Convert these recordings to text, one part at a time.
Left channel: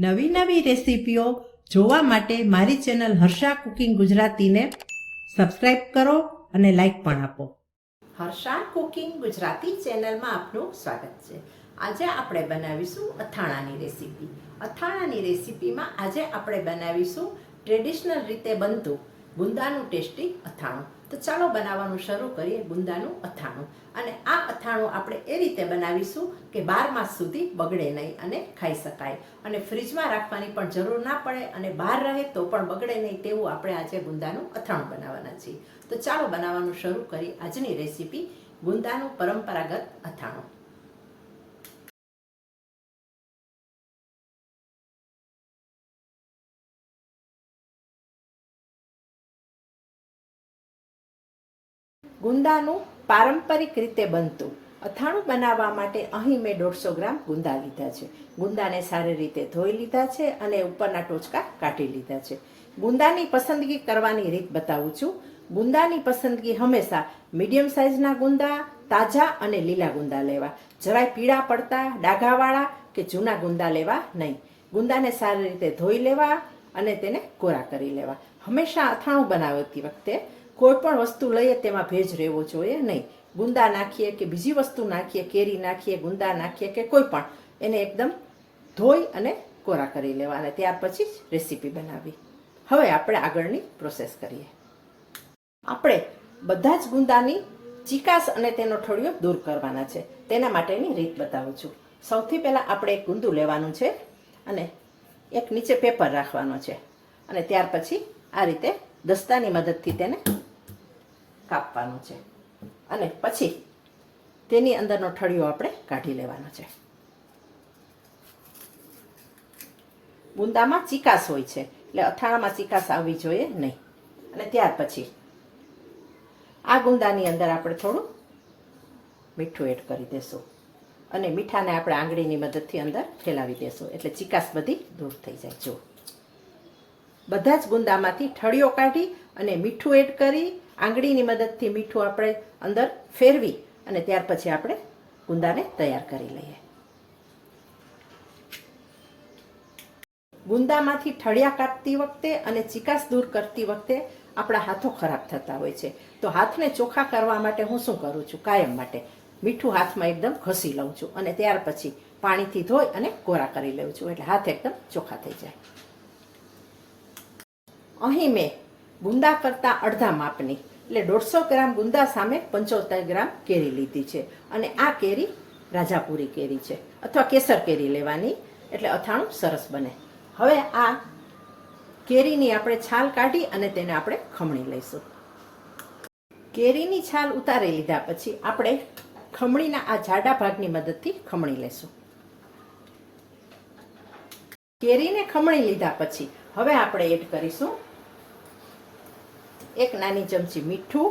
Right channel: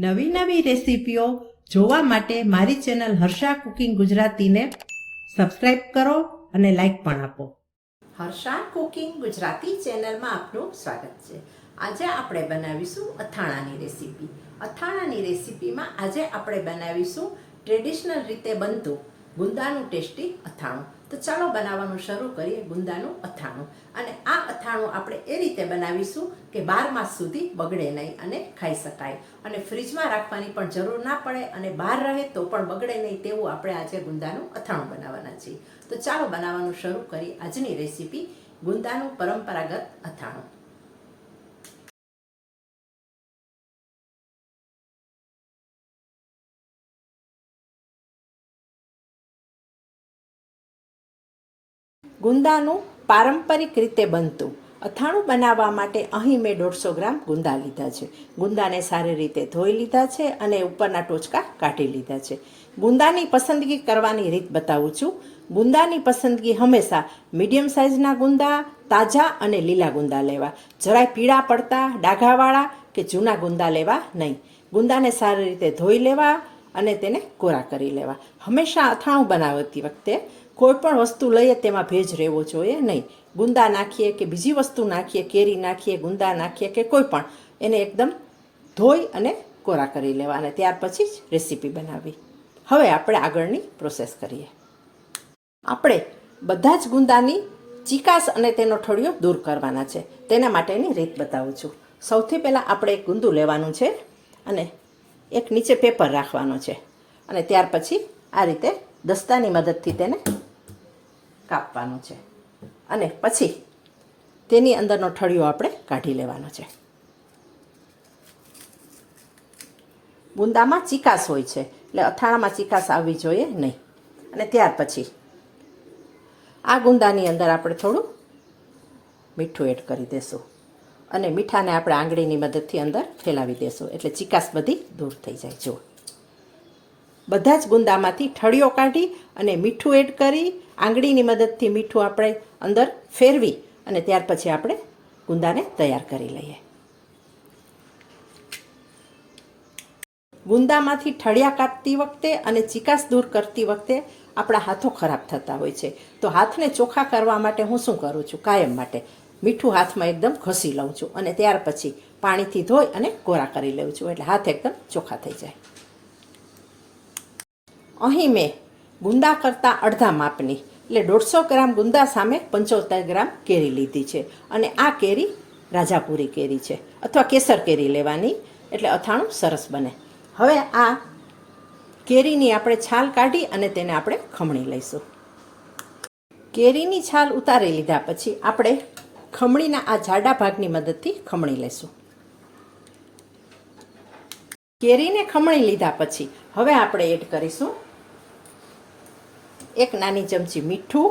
નવી નવી રેસીપીઓ જોવા માટે મારી ચેનલ હર્ષા કુકિંગ ગુજરાતીને સબસ્ક્રાઇબ કરો અને લાઈક પણ આપો. હર્ષા કુકિંગ ગુજરાતી ચેનલમાં આપનું સ્વાગત છે. આજે આપણે બનાવીશું અથાણાની રેસીપી. અથાણાની રેસીપીમાં આજે આપણે બનાવીશું ટ્રેડિશનલ રીતે બનતું ગુંદાનું ટેસ્ટી અથાણું. તો ચાલો બનાવવાનું શરૂ કરીએ ગુંદાનું અથાણું. અને આ અથાણું આપણે એ રીતે બનાવીશું કે બાર માસ સુધી બગડે નહીં અને ખાઈ શકાય. અને ફ્રીજમાં રાખવાની પણ જરૂર ના પડે અને બહાર રહે તો પણ બગડે નહીં તેવું આપણે આજે ગુંદાનું અથાણું બનાવવાના છીએ. તો ચાલો બનાવવાનું શરૂ કરીએ આજની રેસીપી ગુંદાનું પરંપરાગત અથાણું. ગુંદાનું પારંપરિક રીતે બનતું. અથાણું બનાવવા માટે અહીં મેં દોઢસો ગ્રામ ગુંદા લીધા છે. ગુંદાને સારી રીતે ધોઈ લીધા છે અને ઉપરના ટોચકા કાઢી લીધા છે. ગુંદાની પસંદગી કરવાની રીત બતાવું છું. ગુંદાની પસંદગી હંમેશા મીડિયમ સાઇઝના ગુંદા, તાજા અને લીલા ગુંદા લેવા. જરાય પીળા પડતા, ડાઘાવાળા કે જૂના ગુંદા લેવા નહીં. ગુંદાને સારી રીતે ધોઈ લેવા અને તેને કોરા કરી લેવા. હંમેશા અથાણું બનાવતી વખતે કોઈ પણ વસ્તુ લઈએ તેમાં ભેજ રહેવો જોઈએ નહીં. ગુંદા નાખીએ કે બીજી વસ્તુ નાખીએ, કેરી નાખીએ, ગુંદા નાખીએ કે કોઈ પણ એને એકદમ ધોઈ અને કોરા કરી લેવા અને ત્યાર પછી જ રેસીપી બનાવવી હવે આપણે આગળની પ્રોસેસ કરીએ. આપણે બધા જ ગુંદાની ચિકાસ અને તેનો ઠળિયો દૂર કરવાના છે. તેના માટેની રીત બતાવું છું. સૌથી પહેલાં આપણે એક ગુંદુ લેવાનું છે અને એક નીચે પેપર રાખવાનો છે. અને ત્યાર પછી આ રીતે દસ્તાની મદદથી તેને કાપવાનું છે. અને પછી તેની અંદરનો ઠળિયો આપણે કાઢી લેવાનો છે. ગુંદામાં ચિકાસ હોય છે, એટલે અથાણામાં ચિકાસ આવવી જોઈએ નહીં. અને ત્યાર પછી આ ગુંદાની અંદર આપણે થોડું મીઠું એડ કરી દેશું. અને મીઠાને આપણે આંગળીની મદદથી અંદર ફેલાવી દેશું, એટલે ચિકાસ બધી દૂર થઈ જાય. જો બધા જ ગુંદામાંથી ઠળિયો કાઢી અને મીઠું એડ કરી આંગળીની મદદથી મીઠું આપણે અંદર ફેરવી અને ત્યાર પછી આપણે ગુંદાને તૈયાર કરી લઈએ. ગુંદામાંથી ઠળિયા કાપતી વખતે અને ચિકાસ દૂર કરતી વખતે આપણા હાથો ખરાબ થતા હોય છે. તો હાથને ચોખ્ખા કરવા માટે હું શું કરું છું? કાયમ માટે. મીઠું હાથમાં એકદમ ઘસી લઉં છું અને ત્યાર પછી પાણીથી ધોઈ અને કોરા કરી લઉં છું. એટલે હાથ એકદમ ચોખ્ખા થઈ જાય. અહીં મેં ગુંદા કરતાં અડધા માપની એટલે દોઢસો ગ્રામ ગુંદા સામે પંચોતેર ગ્રામ કેરી લીધી છે. અને આ કેરી રાજાપુરી કેરી છે, અથવા કેસર કેરી લેવાની, એટલે અથાણું સરસ બને. હવે આ કેરીની આપણે છાલ કાઢી અને તેને આપણે ખમણી લઈશું. કેરીની છાલ ઉતારી લીધા પછી આપણે ખમણીના આ જાડા ભાગની મદદથી ખમણી લઈશું. કેરીને ખમણી લીધા પછી હવે આપણે એડ કરીશું એક નાની ચમચી મીઠું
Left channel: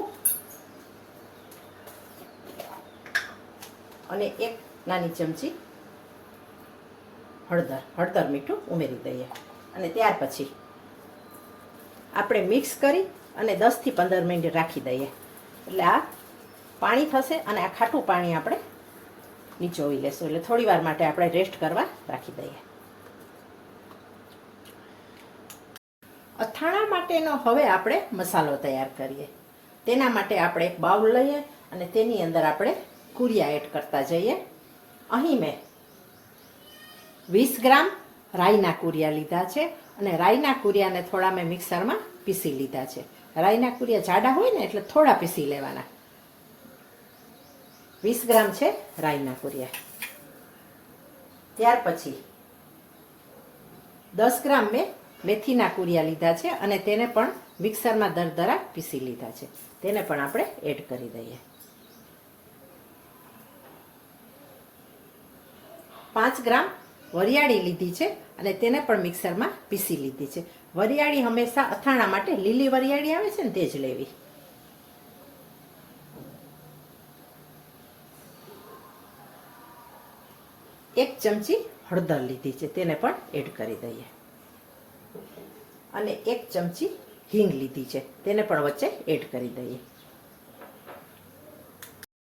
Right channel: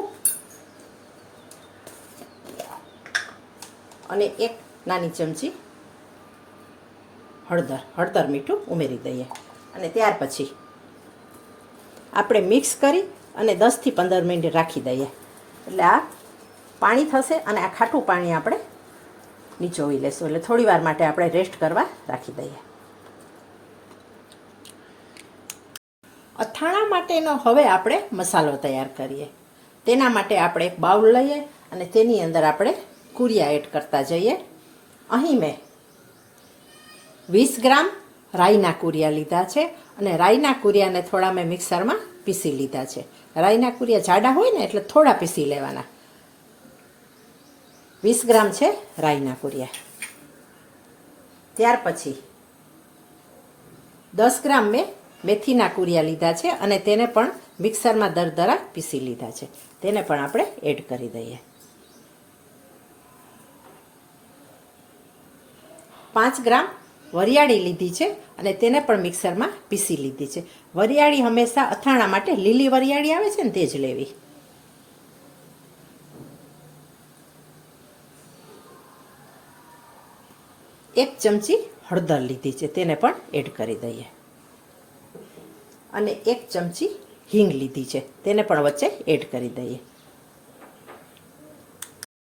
અને એક નાની ચમચી હળદર હળદર મીઠું ઉમેરી દઈએ. અને ત્યાર પછી આપણે મિક્સ કરી અને દસથી પંદર મિનિટ રાખી દઈએ. એટલે આ પાણી થશે અને આ ખાટું પાણી આપણે નીચોવી લેશું. એટલે થોડી વાર માટે આપણે રેસ્ટ કરવા રાખી દઈએ. અથાણા માટેનો હવે આપણે મસાલો તૈયાર કરીએ. તેના માટે આપણે એક બાઉલ લઈએ અને તેની અંદર આપણે કુરિયા એડ કરતા જઈએ. અહીં મેં વીસ ગ્રામ રાઈના કુરિયા લીધા છે અને રાઈના કુરિયાને થોડા મેં મિક્સરમાં પીસી લીધા છે. રાઈના કુરિયા જાડા હોય ને એટલે થોડા પીસી લેવાના. વીસ ગ્રામ છે રાઈના કુરિયા. ત્યાર પછી દસ ગ્રામ મેં મેથીના કુરિયા લીધા છે અને તેને પણ મિક્સરમાં દરદરા પીસી લીધા છે. તેને પણ આપણે એડ કરી દઈએ. પાંચ ગ્રામ વરિયાળી લીધી છે અને તેને પણ મિક્સરમાં પીસી લીધી છે. વરિયાળી હંમેશા અથાણા માટે લીલી વરિયાળી આવે છે ને તે જ લેવી. એક ચમચી હળદર લીધી છે. તેને પણ એડ કરી દઈએ. અને એક ચમચી હિંગ લીધી છે. તેને પણ વચ્ચે એડ કરી દઈએ.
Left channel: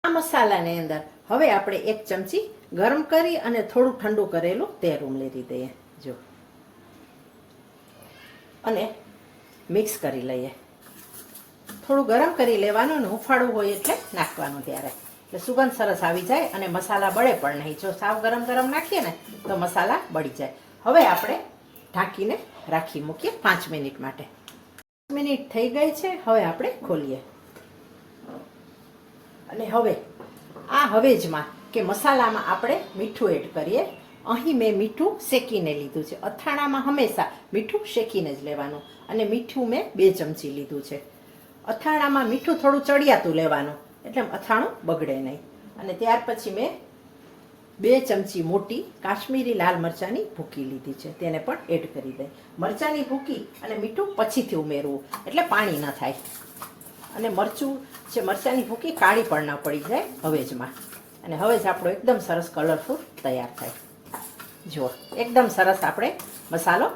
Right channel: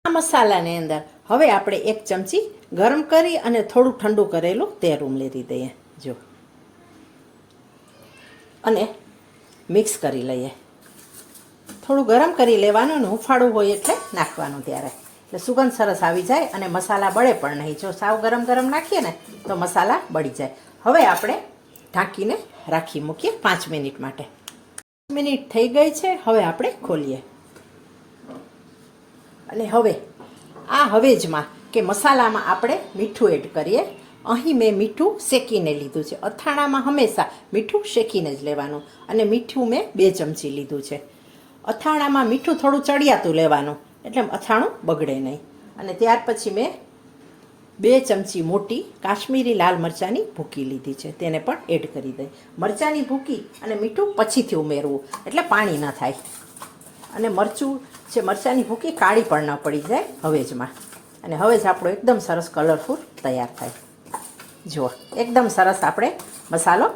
આ મસાલાની અંદર હવે આપણે એક ચમચી ગરમ કરી અને થોડું ઠંડુ કરેલું તેલ ઉમેરી દઈએ. જો. અને મિક્સ કરી લઈએ. થોડું ગરમ કરી લેવાનું ને હુંફાળું હોય એટલે નાખવાનું ત્યારે. એટલે સુગંધ સરસ આવી જાય અને મસાલા બળે પણ નહીં. જો સાવ ગરમ ગરમ નાખીએ ને તો મસાલા બળી જાય. હવે આપણે ઢાંકીને રાખી મૂકીએ પાંચ મિનિટ માટે. મિનિટ થઈ ગઈ છે, હવે આપણે ખોલીએ. અને હવે, આ હવેજમાં કે મસાલામાં આપણે મીઠું એડ કરીએ. અહીં મેં મીઠું શેકીને લીધું છે. અથાણામાં હંમેશા મીઠું શેકીને જ લેવાનું. અને મીઠું મેં બે ચમચી લીધું છે. અથાણામાં મીઠું થોડું ચડિયાતું લેવાનું. એટલે અથાણું બગડે નહીં. અને ત્યાર પછી મેં બે ચમચી મોટી કાશ્મીરી લાલ મરચાંની ભૂકી લીધી છે. તેને પણ એડ કરી દઈ મરચાંની ભૂકી અને મીઠું પછીથી ઉમેરવું, એટલે પાણી ન થાય. અને મરચું છે મરચાંની ભૂકી કાળી પણ ન પડી જાય હવેજમાં. અને હવેજ આપણો એકદમ સરસ કલરફુલ તૈયાર થાય. જુઓ, એકદમ સરસ આપણે મસાલો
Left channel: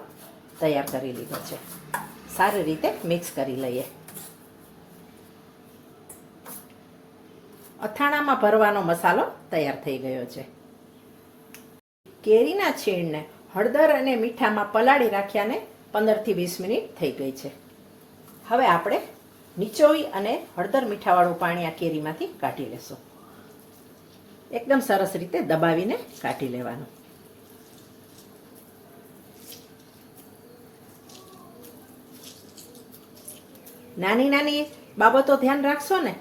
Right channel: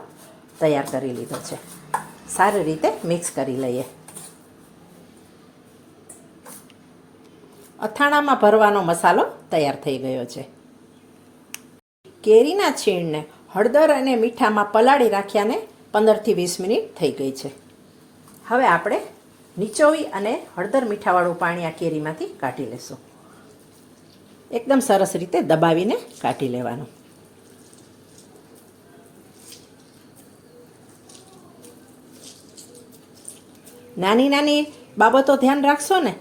તૈયાર કરી લીધો છે. સારી રીતે મિક્સ કરી લઈએ. અથાણામાં ભરવાનો મસાલો તૈયાર થઈ ગયો છે. કેરીના છીણને હળદર અને મીઠામાં પલાળી રાખ્યાને પંદરથી વીસ મિનિટ થઈ ગઈ છે. હવે આપણે નીચોવી અને હળદર મીઠાવાળું પાણી આ કેરીમાંથી કાઢી લેશું. એકદમ સરસ રીતે દબાવીને કાઢી લેવાનું. નાની નાની બાબતો ધ્યાન રાખશો ને?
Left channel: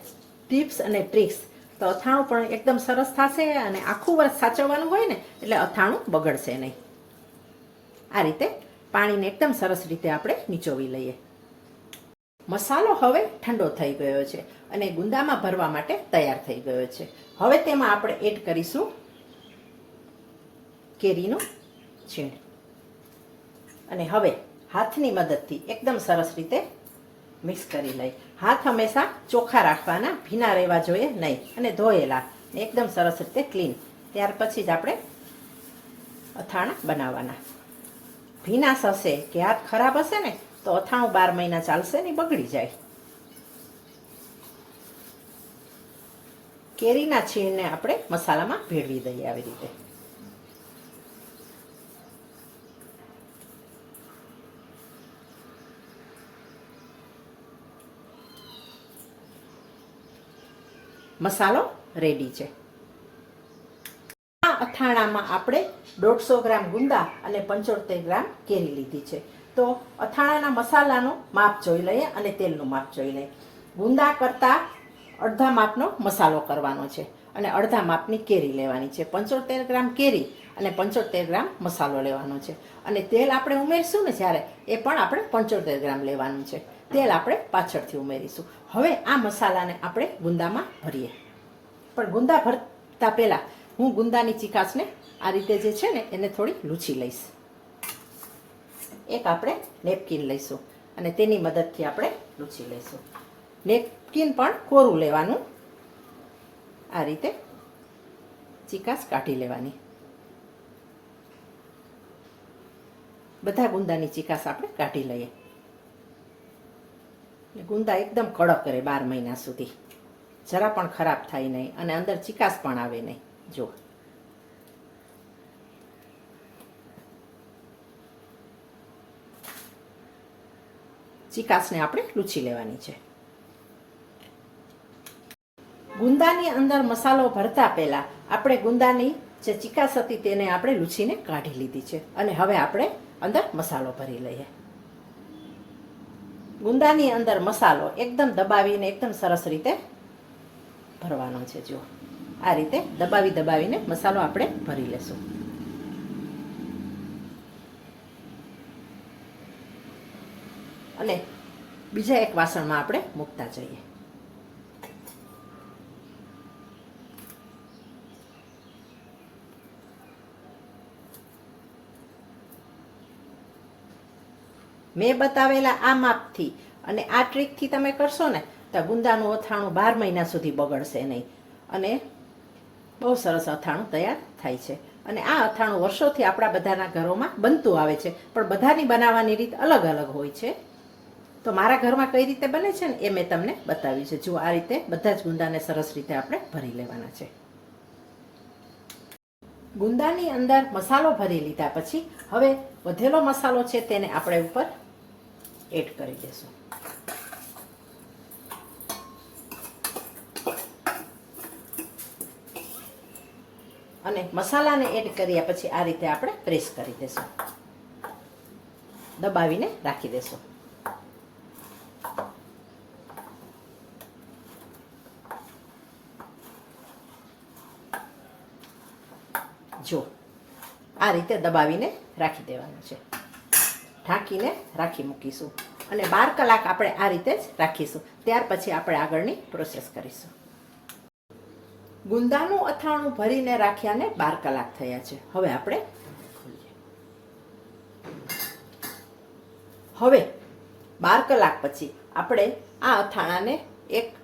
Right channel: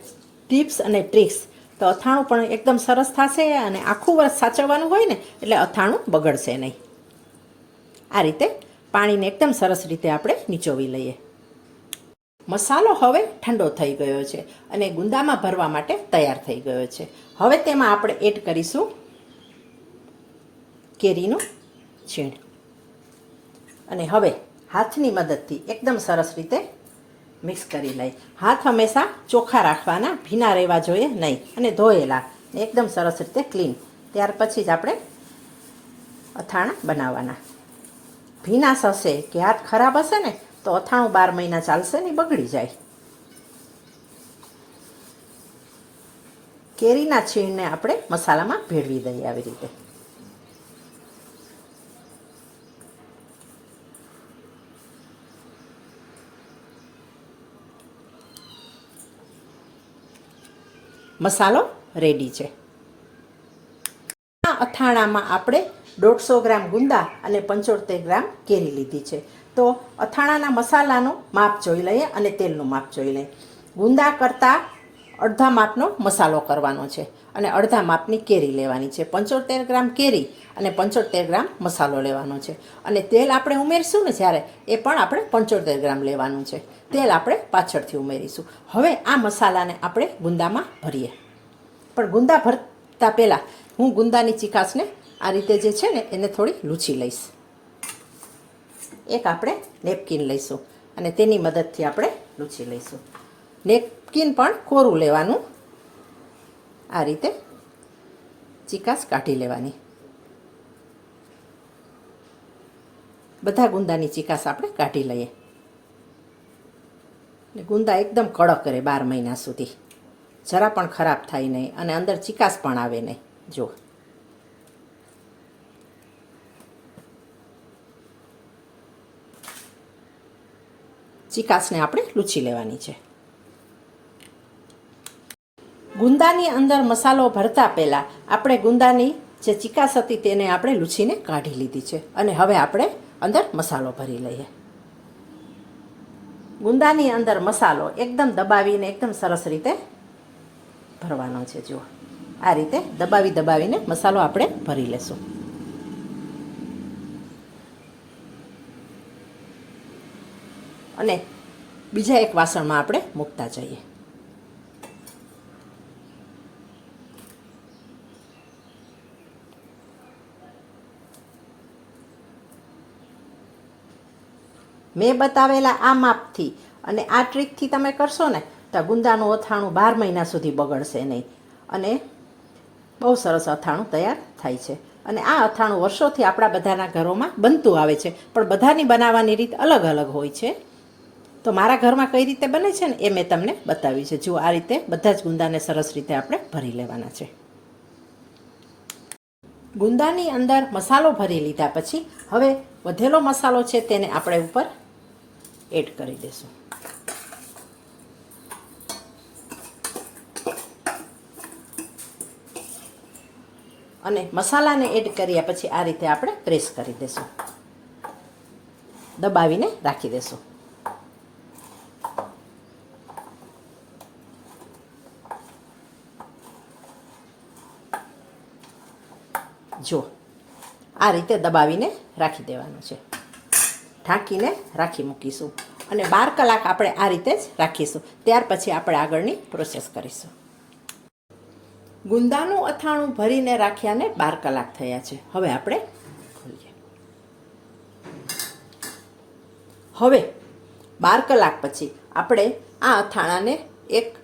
ટિપ્સ અને ટ્રિક્સ તો અથાણું પણ એકદમ સરસ થશે અને આખું વર્ષ સાચવવાનું હોય ને, એટલે અથાણું બગડશે નહીં. આ રીતે પાણીને એકદમ સરસ રીતે આપણે નીચોવી લઈએ. મસાલો હવે ઠંડો થઈ ગયો છે અને ગુંદામાં ભરવા માટે તૈયાર થઈ ગયો છે. હવે તેમાં આપણે એડ કરીશું કેરીનું છીણ. અને હવે હાથની મદદથી એકદમ સરસ રીતે મિક્સ કરી લઈ. હાથ હંમેશા ચોખ્ખા રાખવાના, ભીના રહેવા જોઈએ નહીં અને ધોયેલા. એકદમ સરસ રીતે ક્લીન. ત્યાર પછી જ આપણે અથાણા બનાવવાના. ભીના હશે કે હાથ ખરાબ હશે ને, તો અથાણું બાર મહિના ચાલશે ને બગડી જાય. કેરીના છીણને આપણે મસાલામાં ભેળવી દઈએ આવી રીતે. મસાલો રેડી છે. આ અથાણામાં આપણે દોઢસો ગ્રામ ગુંદા અને પંચોતેર ગ્રામ કેરી લીધી છે. તો અથાણાના મસાલાનું માપ જોઈ લઈએ અને તેલનું માપ જોઈ લઈએ. ગુંદા કરતાં અડધા માપનો મસાલો કરવાનો છે અને અડધા માપની કેરી લેવાની છે. પંચોતેર ગ્રામ કેરી અને પંચોતેર ગ્રામ મસાલો લેવાનો છે. અને તેલ આપણે ઉમેરશું ને જ્યારે, એ પણ આપણે પંચોતેર ગ્રામ લેવાનું છે. તેલ આપણે પાછળથી ઉમેરીશું. હવે આ મસાલાને આપણે ગુંદામાં ભરીએ. પણ ગુંદા ભરતા પહેલાં હું ગુંદાની ચિકાસને આ રીતે જે છે ને, એને થોડી લૂછી લઈશ. એક આપણે નેપકિન લઈશું અને તેની મદદથી આપણે લૂછી લઈશું. નેપકિન પણ કોરું લેવાનું. આ રીતે ચિકાસ કાઢી લેવાની. બધા ગુંદાની ચિકાસ આપણે કાઢી લઈએ. એટલે ગુંદા એકદમ કડક રહે બાર મહિના સુધી. જરા પણ ખરાબ થાય નહીં અને અંદર ચિકાસ પણ આવે નહીં. જો ચિકાસને આપણે લૂછી લેવાની છે. ગુંદાની અંદર મસાલો ભરતા પહેલાં આપણે ગુંદાની જે ચિકાસ હતી તેને આપણે લૂછીને કાઢી લીધી છે. અને હવે આપણે અંદર મસાલો ભરી લઈએ. ગુંદાની અંદર મસાલો એકદમ દબાવીને એકદમ સરસ રીતે ભરવાનો છે. જુઓ, આ રીતે દબાવી દબાવીને મસાલો આપણે ભરી લેશું. અને બીજા એક વાસણમાં આપણે મૂકતા જઈએ. મેં બતાવેલા આ માપથી અને આ ટ્રીકથી તમે કરશો ને, તો ગુંદાનું અથાણું બાર મહિના સુધી બગડશે નહીં. અને બહુ સરસ અથાણું તૈયાર થાય છે. અને આ અથાણું વર્ષોથી આપણા બધાના ઘરોમાં બનતું આવે છે, પણ બધાની બનાવવાની રીત અલગ અલગ હોય છે. તો મારા ઘરમાં કઈ રીતે બને છે ને, એ મેં તમને બતાવ્યું છે. જુઓ, આ રીતે બધા જ ગુંદાને સરસ રીતે આપણે ભરી લેવાના છે. ગુંદાની અંદર મસાલો ભરી લીધા પછી, હવે વધેલો મસાલો છે તેને આપણે ઉપર એડ કરી દઈશું અને મસાલાને એડ કર્યા પછી આ રીતે આપણે પ્રેસ કરી દેશું. દબાવીને રાખી દેશું. જો, આ રીતે દબાવીને રાખી દેવાનું છે. ઢાંકીને રાખી મૂકીશું. અને બાર કલાક આપણે આ રીતે જ રાખીશું. ત્યાર પછી આપણે આગળની પ્રોસેસ કરીશું. ગુંદાનું અથાણું ભરીને રાખ્યાને બાર કલાક થયા છે. હવે આપણે ખોલીએ. હવે બાર કલાક પછી આપણે આ અથાણાને એક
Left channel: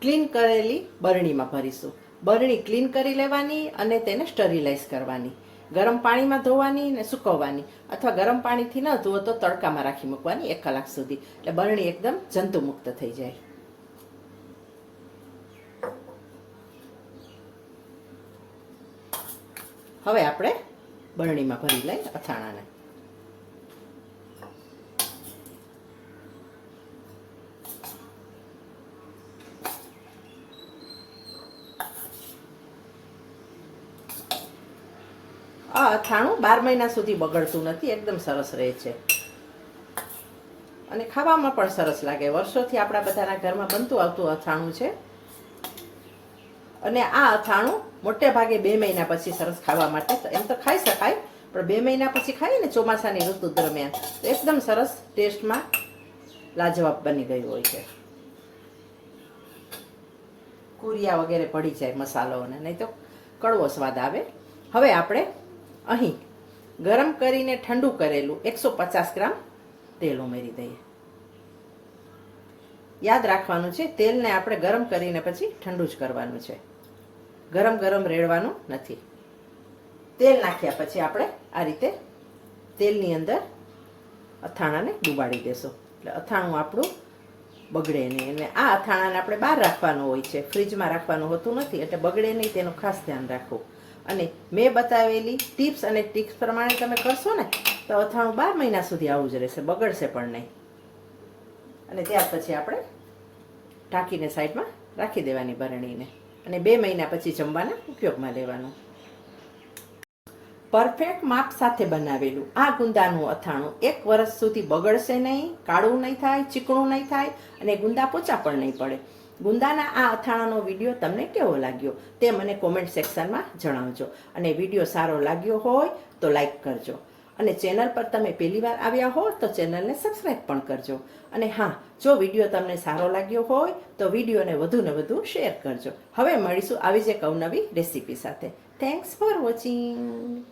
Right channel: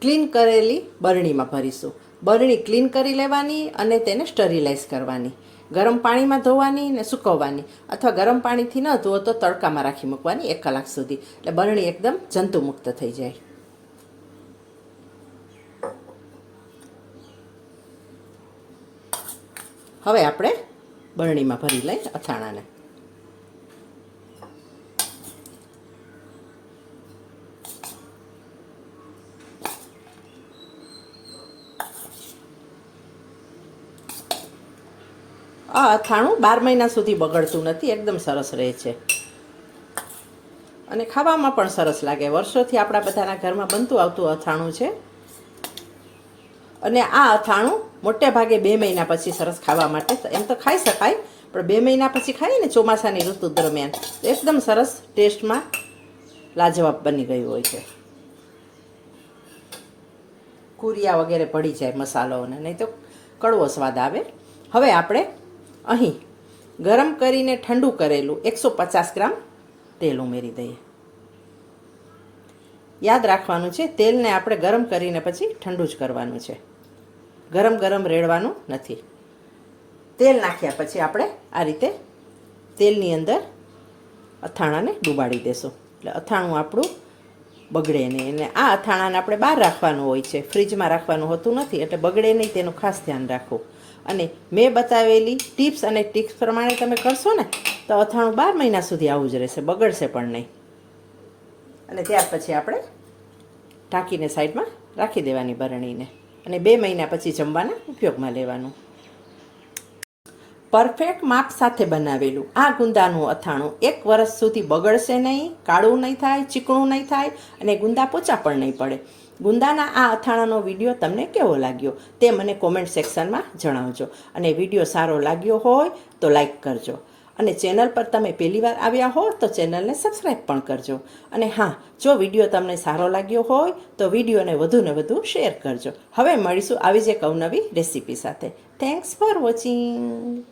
ક્લીન કરેલી બરણીમાં ભરીશું. બરણી ક્લીન કરી લેવાની અને તેને સ્ટરીલાઇઝ કરવાની. ગરમ પાણીમાં ધોવાની ને સૂકવવાની. અથવા ગરમ પાણીથી ન ધોવો તો તડકામાં રાખી મૂકવાની એક કલાક સુધી. એટલે બરણી એકદમ જંતુમુક્ત થઈ જાય. હવે આપણે બરણીમાં ભરી લઈ અથાણાને. અથાણું બાર મહિના સુધી બગડતું નથી, એકદમ સરસ રહે છે. અને ખાવામાં પણ સરસ લાગે. વર્ષોથી આપણા બધાના ઘરમાં બનતું આવતું અથાણું છે. અને આ અથાણું મોટે ભાગે બે મહિના પછી સરસ ખાવા માટે એમ તો ખાઈ શકાય, પણ બે મહિના પછી ખાઈએ ને ચોમાસાની ઋતુ દરમિયાન એકદમ સરસ ટેસ્ટમાં લાજવાબ બની ગયું હોય છે. કુરિયા વગેરે પડી જાય મસાલોને નહીં તો કડવો સ્વાદ આવે. હવે આપણે અહીં ગરમ કરીને ઠંડુ કરેલું એકસો પચાસ ગ્રામ તેલ ઉમેરી દઈએ. યાદ રાખવાનું છે, તેલને આપણે ગરમ કરીને પછી ઠંડુ જ કરવાનું છે. ગરમ ગરમ રેડવાનું નથી. તેલ નાખ્યા પછી આપણે આ રીતે તેલની અંદર અથાણાને ડૂબાડી દેશું. એટલે અથાણું આપણું બગડે નહીં. અને આ અથાણાને આપણે બહાર રાખવાનું હોય છે. ફ્રીજમાં રાખવાનું હોતું નથી. એટલે બગડે નહીં, તેનું ખાસ ધ્યાન રાખવું. અને મેં બતાવેલી ટિપ્સ અને ટિપ્સ પ્રમાણે તમે કરશો ને, તો અથાણું બાર મહિના સુધી આવું જ રહેશે, બગડશે પણ નહીં. અને ત્યાર પછી આપણે ઢાંકીને સાઈડમાં રાખી દેવાની બરણીને અને બે મહિના પછી જમવાના ઉપયોગમાં લેવાનું. પરફેક્ટ માપ સાથે બનાવેલું આ ગુંદાનું અથાણું એક વર્ષ સુધી બગડશે નહીં, કાળું નહીં થાય, ચીકણું નહીં થાય અને ગુંદા પોચા પણ નહીં પડે. ગુંદાના આ અથાણાનો વીડિયો તમને કેવો લાગ્યો તે મને કોમેન્ટ સેક્શનમાં જણાવજો. અને વીડિયો સારો લાગ્યો હોય તો લાઈક કરજો. અને ચેનલ પર તમે પહેલી વાર આવ્યા હો તો ચેનલને સબસ્ક્રાઈબ પણ કરજો. અને હા, જો વીડિયો તમને સારો લાગ્યો હોય તો વિડીયોને વધુને વધુ શેર કરજો. હવે મળીશું આવી જ એક અવનવી રેસીપી સાથે. Thanks for watching